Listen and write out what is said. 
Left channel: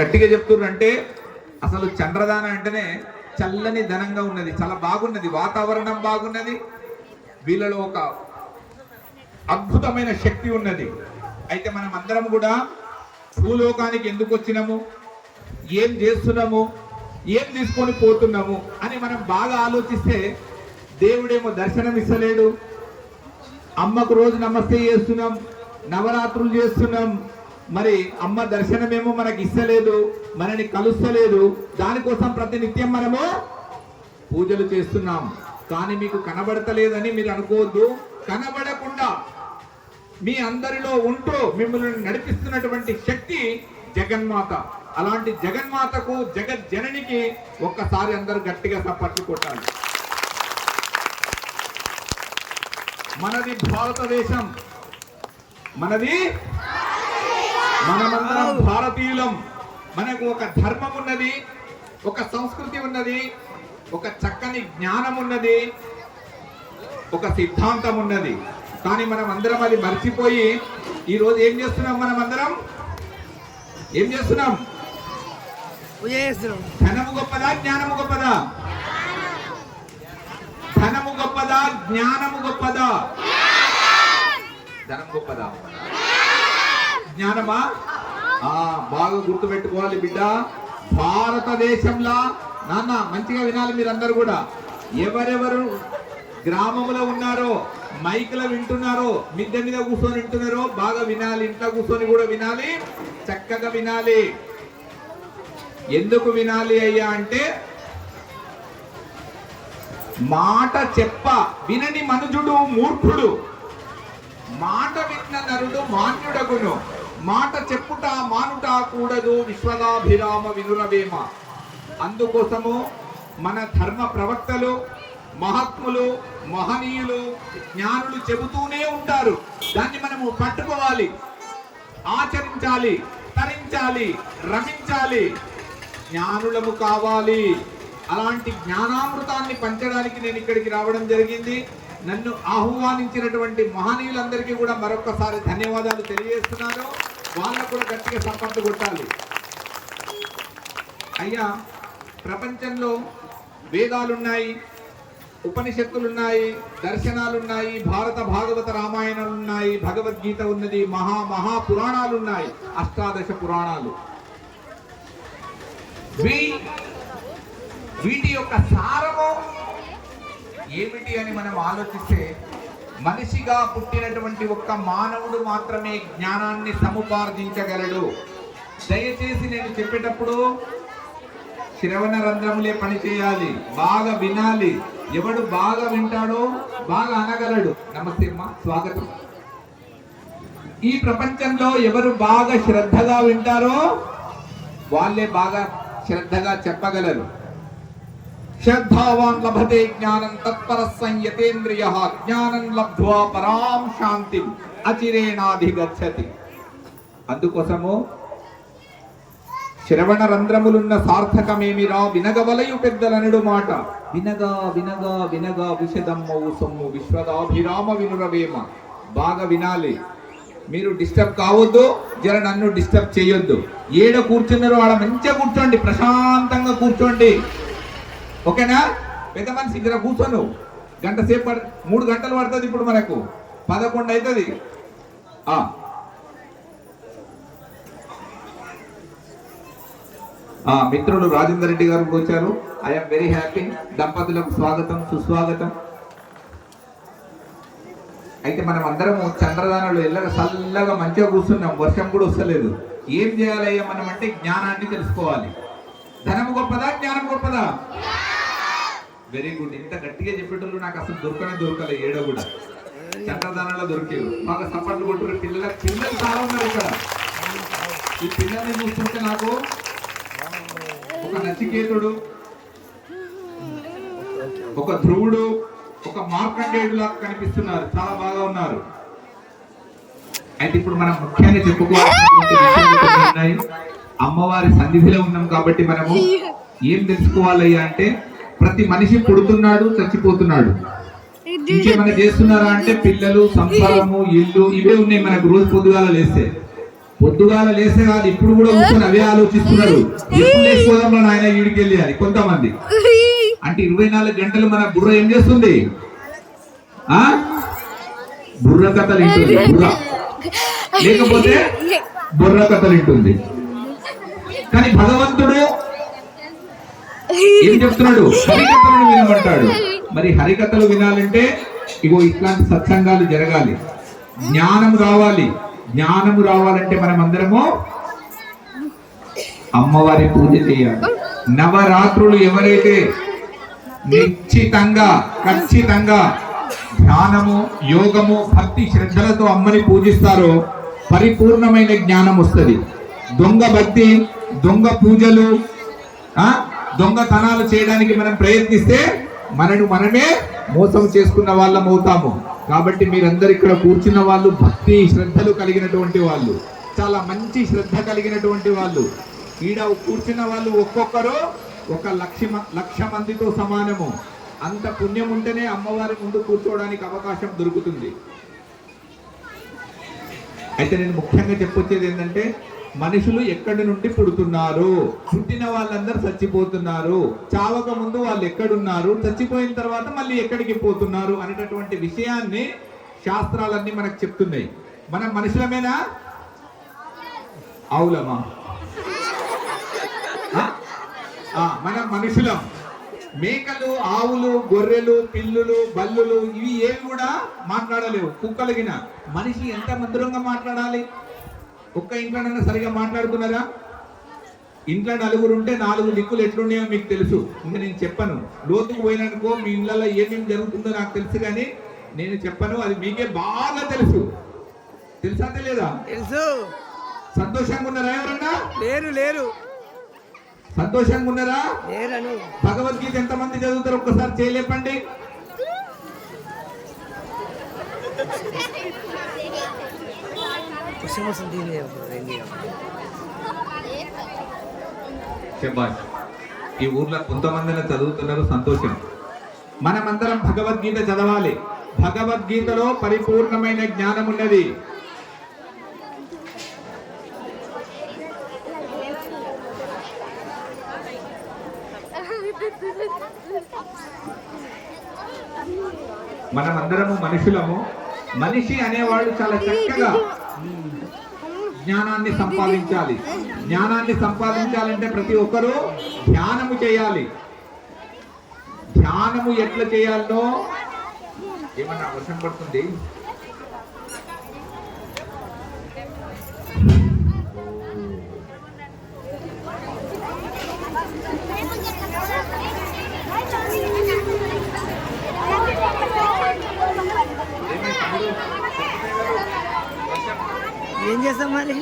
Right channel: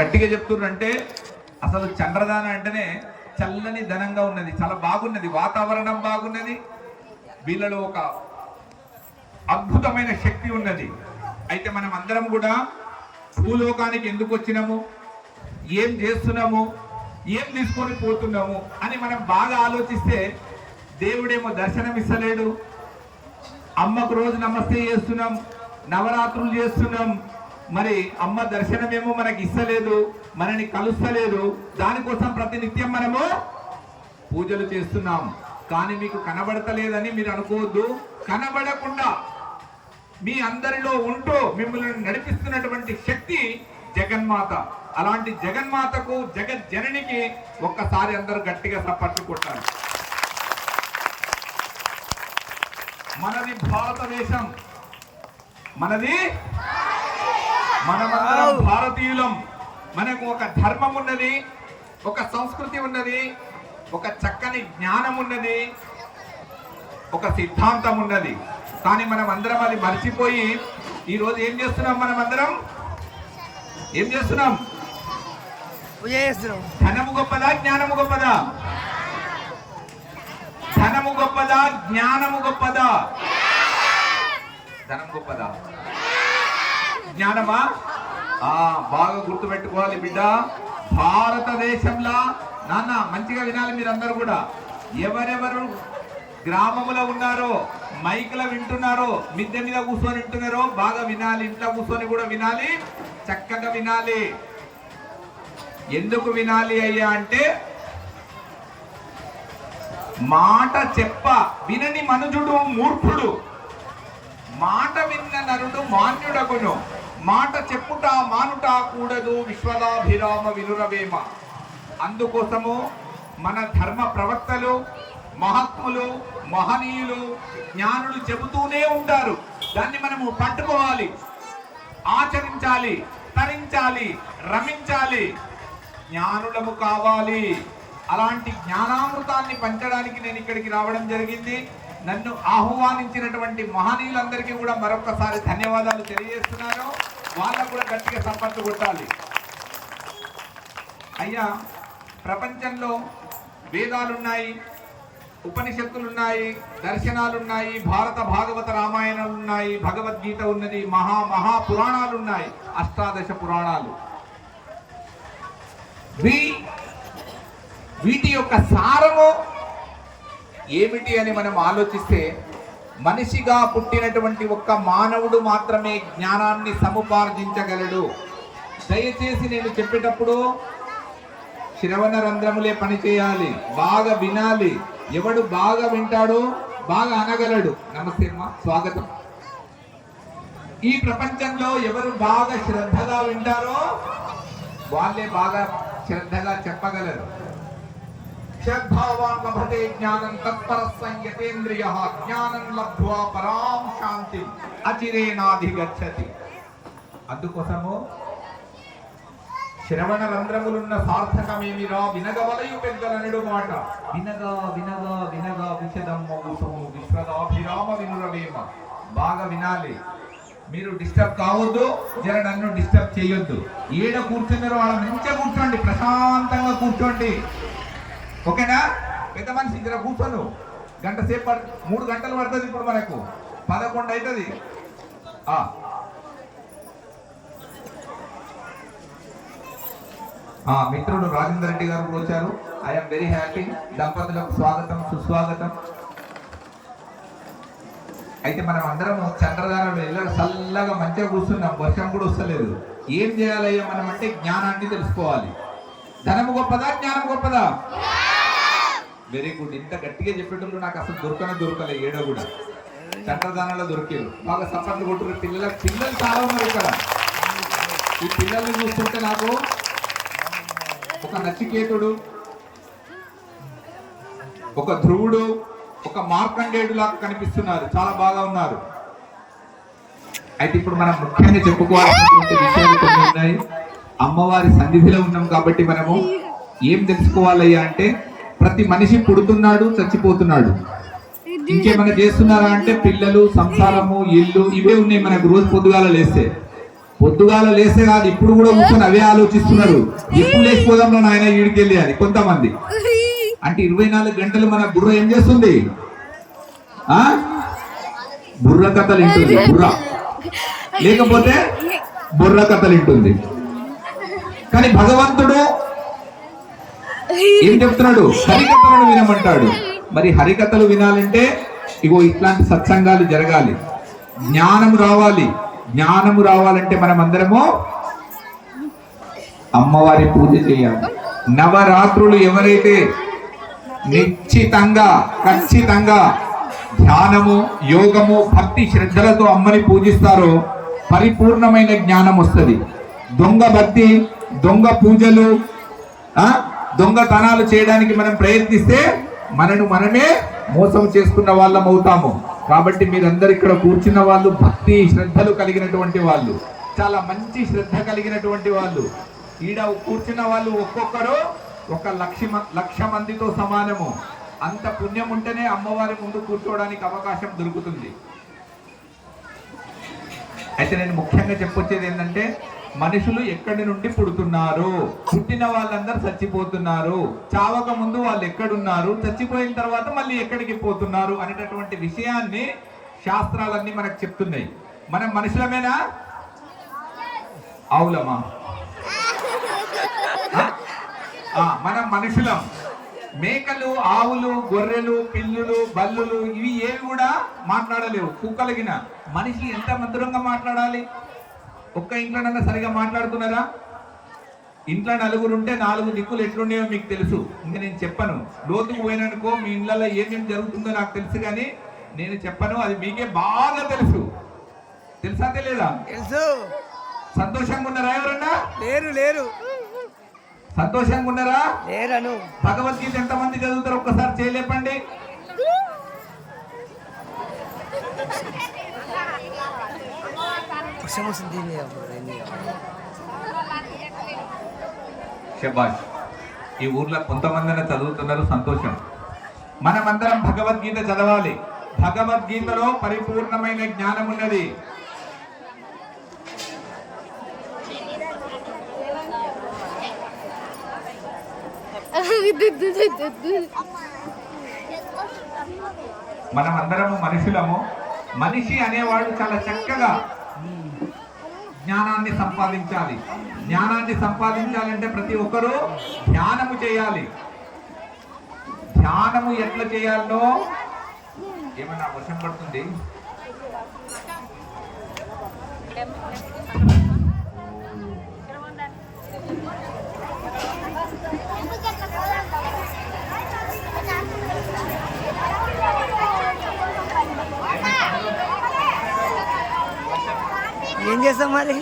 గట్టిగా చెప్తున్నారంటే అసలు చంద్రదాన అంటేనే చల్లని ధనంగా ఉన్నది చాలా బాగున్నది వాతావరణం బాగున్నది వీళ్ళలో ఒక అద్భుతమైన శక్తి ఉన్నది. అయితే మనం అందరం కూడా భూలోకానికి ఎందుకు వచ్చినాము? ఏం చేస్తున్నాము? ఏం తీసుకొని పోతున్నాము? అని మనం బాగా ఆలోచిస్తే దేవుడేమో దర్శనం ఇస్తలేడు. అమ్మకు రోజు నమస్తే చేస్తున్నాం నవరాత్రులు చేస్తున్నాం మరి అమ్మ దర్శనమేమో మనకి ఇస్తలేదు మనని కలుస్తలేదు దానికోసం ప్రతినిత్యం మనము పూజలు చేస్తున్నాం. కానీ మీకు కనబడతలేదని మీరు అనుకోవద్దు. కనబడకుండా మీ అందరిలో ఉంటూ మిమ్మల్ని నడిపిస్తున్నటువంటి శక్తి జగన్మాత. అలాంటి జగన్మాతకు జగత్ జననికి ఒక్కసారి అందరూ గట్టిగా సప్పట్లు కొట్టాలి. మనది భారతదేశం. మనది మనమందరం భారతీయులం. మనకు ఒక ధర్మం ఉన్నది ఒక సంస్కృతి ఉన్నది ఒక చక్కని జ్ఞానం ఉన్నది ఒక సిద్ధాంతం ఉన్నది కానీ మనం అందరం అది మర్చిపోయి ఈ రోజు ఏం చేస్తున్నాం మనం అందరం ఏం చేస్తున్నాం. ధనము గొప్పదా జ్ఞానము గొప్పదా? ధనము గొప్పదా జ్ఞానము గొప్పదా? ధనం గొప్పదా? జ్ఞానమా? ఆ బాగా గుర్తుపెట్టుకోవాలి బిడ్డ. భారతదేశంలో నాన్న మంచిగా వినాలి మీరందరూ కూడా. ఎవరెవరు గ్రామంలో ఉన్నారో మైక్లో వింటున్నారో మిద్దె మీద కూర్చొని వింటున్నారో బాగా వినాలి ఇంట్లో కూర్చొని కూడా వినాలి చక్కగా వినాలి. ఎందుకు వినాలి అయ్యా అంటే మాట చెప్ప వినని మనుజుడు మూర్ఖుడు. మాట విన్న నరుడు మాన్యుడగును. మాట చెప్పుట మానుట కూడదు విశ్వదాభిరామ వినురవేమ అందుకోసము మన ధర్మ ప్రవక్తలు మహాత్ములు మహనీయులు జ్ఞానులు చెబుతూనే ఉంటారు. దాన్ని మనము పట్టుకోవాలి ఆచరించాలి తరించాలి రమించాలి. జ్ఞానులము కావాలి. అలాంటి జ్ఞానామృతాన్ని పంచడానికి నేను ఇక్కడికి రావడం జరిగింది. నన్ను ఆహ్వానించినటువంటి మహనీయులందరికీ కూడా మరొకసారి ధన్యవాదాలు తెలియజేస్తున్నాను. వాళ్ళకు కూడా గట్టిగా సంపత్తు కొట్టాలి. అయ్యా ప్రపంచంలో వేదాలున్నాయి ఉపనిషత్తులున్నాయి దర్శనాలున్నాయి భారత భాగవత రామాయణాలు ఉన్నాయి భగవద్గీత ఉన్నది మహా మహా పురాణాలు ఉన్నాయి అష్టాదశ పురాణాలు. వీటి యొక్క సారము ఏమిటి అని మనం ఆలోచిస్తే మనిషిగా పుట్టినటువంటి ఒక్క మానవుడు మాత్రమే జ్ఞానాన్ని సముపార్జించగలడు. దయచేసి నేను చెప్పేటప్పుడు శ్రవణ రంధ్రములే పనిచేయాలి బాగా వినాలి. ఎవడు బాగా వింటాడో బాగా అనగలడు. నమస్తే అమ్మా స్వాగతం. ఈ ప్రపంచంలో ఎవరు బాగా శ్రద్ధగా వింటారో వాళ్ళే బాగా శ్రద్ధగా చెప్పగలరు. శ్రద్ధావాన్ లభతే జ్ఞానం తత్పర సంయతేంద్రియ జ్ఞానం లబ్ధ్వా పరాం శాంతి అచిరేణాధిగచ్చతి అందుకోసము శ్రవణ రంధ్రములున్న సార్థకమేమిరా? వినగవలయు పెద్దలనడు మాట. వినగా వినగా వినగా విషదమ్మవు సొమ్ము విశ్వదాభిరామ వినురవేమ. బాగా వినాలి. మీరు డిస్టర్బ్ కావద్దు జర నన్ను డిస్టర్బ్ చేయొద్దు. ఏడ కూర్చున్నారో ఆడ మంచిగా కూర్చోండి ప్రశాంతంగా కూర్చోండి. ఓకేనా? పెద్ద మనిషి ఇక్కడ కూర్చోను. గంట సేపు పడ- మూడు గంటలు పడుతుంది ఇప్పుడు మనకు. పదకొండు అవుతుంది ఆ. మిత్రులు రాజేందర్ రెడ్డి గారు కూడా వచ్చారు. ఐఎమ్ వెరీ హ్యాపీ దంపతులకు స్వాగతం సుస్వాగతం. అయితే మనం అందరం చంద్రదానంలో ఎల్లగా చల్లగా మంచిగా కూర్చున్నాం. వర్షం కూడా వస్తలేదు. ఏం చేయాలయ్యా మనం అంటే జ్ఞానాన్ని తెలుసుకోవాలి. ధనము గొప్పదా జ్ఞానం గొప్పదా? వెరీ గుడ్ ఇంత గట్టిగా చెప్పేటోళ్ళు నాకు అసలు దొరకనే దొరకలే ఏడో కూడా. చట్టదానంలో దొరికారు బాగా సప్పట్లు కొట్టుకుని పిల్లల పిల్లలు చాలా ఉన్నారు ఇక్కడ. ఈ పిల్లల్ని చూస్తుంటే నాకు ఒక నచికేతుడు ఒక ధ్రువుడు ఒక మార్కండేయుడు లాగా కనిపిస్తున్నారు. చాలా బాగా ఉన్నారు. అయితే ఇప్పుడు మనం ముఖ్యంగా చెప్పుకోవాల్సినటువంటి విషయాలు కొన్ని ఉన్నాయి. అమ్మవారి సన్నిధిలో ఉన్నాం కాబట్టి మనము ఏం తెలుసుకోవాలయ్యా అంటే ప్రతి మనిషి పుడుతున్నాడు చచ్చిపోతున్నాడు. ఇంకేమైనా చేస్తున్నారా అంటే పిల్లలు సంసారము ఇల్లు ఇవే ఉన్నాయి మనకు రోజు పొద్దుగాల లేస్తే. పొద్దుగాల లేస్తే కాదు ఇప్పుడు కూడా కూర్చొని అవే ఆలోచిస్తున్నారు ఎప్పుడు లేచిపోదాంలో నాయన ఈడికెళ్ళి అని కొంతమంది. అంటే ఇరవై నాలుగు గంటలు మన బుర్ర ఏం చేస్తుంది? ఆ? బుర్ర కథలు వింటుంది బుర్ర. లేకపోతే బుర్ర కథలు వింటుంది. కానీ భగవంతుడు ఏం చెప్తున్నాడు? హరికథలను వినమంటాడు. మరి హరికథలు వినాలంటే ఇగో ఇట్లాంటి సత్సంగాలు జరగాలి. జ్ఞానము రావాలి. జ్ఞానము రావాలంటే మనం అందరము అమ్మవారి పూజ చేయాలి. నవరాత్రులు ఎవరైతే నిశ్చితంగా ఖచ్చితంగా ధ్యానము యోగము భక్తి శ్రద్ధలతో అమ్మని పూజిస్తారో పరిపూర్ణమైన జ్ఞానం వస్తుంది దొంగ భక్తి దొంగ పూజలు ఆ? దొంగతనాలు చేయడానికి మనం ప్రయత్నిస్తే మనను మనమే మోసం చేసుకున్న వాళ్ళం అవుతాము. కాబట్టి మీరందరు ఇక్కడ కూర్చున్న వాళ్ళు భక్తి శ్రద్ధలు కలిగినటువంటి వాళ్ళు చాలా మంచి శ్రద్ధ కలిగినటువంటి వాళ్ళు. ఈడ కూర్చున్న వాళ్ళు ఒక్కొక్కరు ఒక లక్ష లక్ష మందితో సమానము. అంత పుణ్యం ఉంటేనే అమ్మవారి ముందు కూర్చోవడానికి అవకాశం దొరుకుతుంది. అయితే నేను ముఖ్యంగా చెప్పొచ్చేది ఏంటంటే మనుషులు ఎక్కడి నుండి పుడుతున్నారు? పుట్టిన వాళ్ళందరూ చచ్చిపోతున్నారు. చావక ముందు వాళ్ళు ఎక్కడున్నారు? చచ్చిపోయిన తర్వాత మళ్ళీ ఎక్కడికి పోతున్నారు అనేటటువంటి విషయాన్ని శాస్త్రాలన్నీ మనకు చెప్తున్నాయి. మనం మనుషులమేనా? అవులమా మనం మనుషులం. మేకలు ఆవులు గొర్రెలు పిల్లులు బల్లులు ఇవి ఏవి కూడా మాట్లాడలేవు. కుక్కలగిన. మనిషి ఎంత మధురంగా మాట్లాడాలి? ఒక్క ఇంట్లోనన్నా సరిగా మాట్లాడుతున్నారా ఇంట్లో నలుగురు ఉంటే నాలుగు దిక్కులు ఎట్లుండేవో మీకు తెలుసు. ఇంకా నేను చెప్పను. లోతుకు పోయిననుకో మీ ఇళ్ళలో ఏమేమి జరుగుతుందో నాకు తెలుసు కానీ నేను చెప్పను. అది మీకే బాగా తెలుసు. తెలుసా తెలియదా తెలుసు. సంతోషంగా ఉన్నారా ఎవరన్నా? లేరు లేరు. సంతోషంగా ఉన్నారా? లేరను. భగవద్గీత ఎంతమంది చదువుతారు? ఒక్కసారి చేయలేపండి. వర్షం వస్తుంది దీన్ని అప్పుడు రెండు శబాష్ ఈ ఊర్లో కొంతమందిని చదువుతున్నారు సంతోషం. మనమందరం భగవద్గీత చదవాలి. భగవద్గీతలో పరిపూర్ణమైన జ్ఞానం ఉన్నది. మనమందరము మనుషులము. మనిషి అనేవాడు చాలా చక్కగా జ్ఞానాన్ని సంపాదించాలి. జ్ఞానాన్ని సంపాదించాలంటే ప్రతి ఒక్కరూ ధ్యానము చేయాలి. ధ్యానము ఎట్లా చేయాలో ఏమన్నా వర్షం పడుతుంది? ఏం చేస్తాం మరి?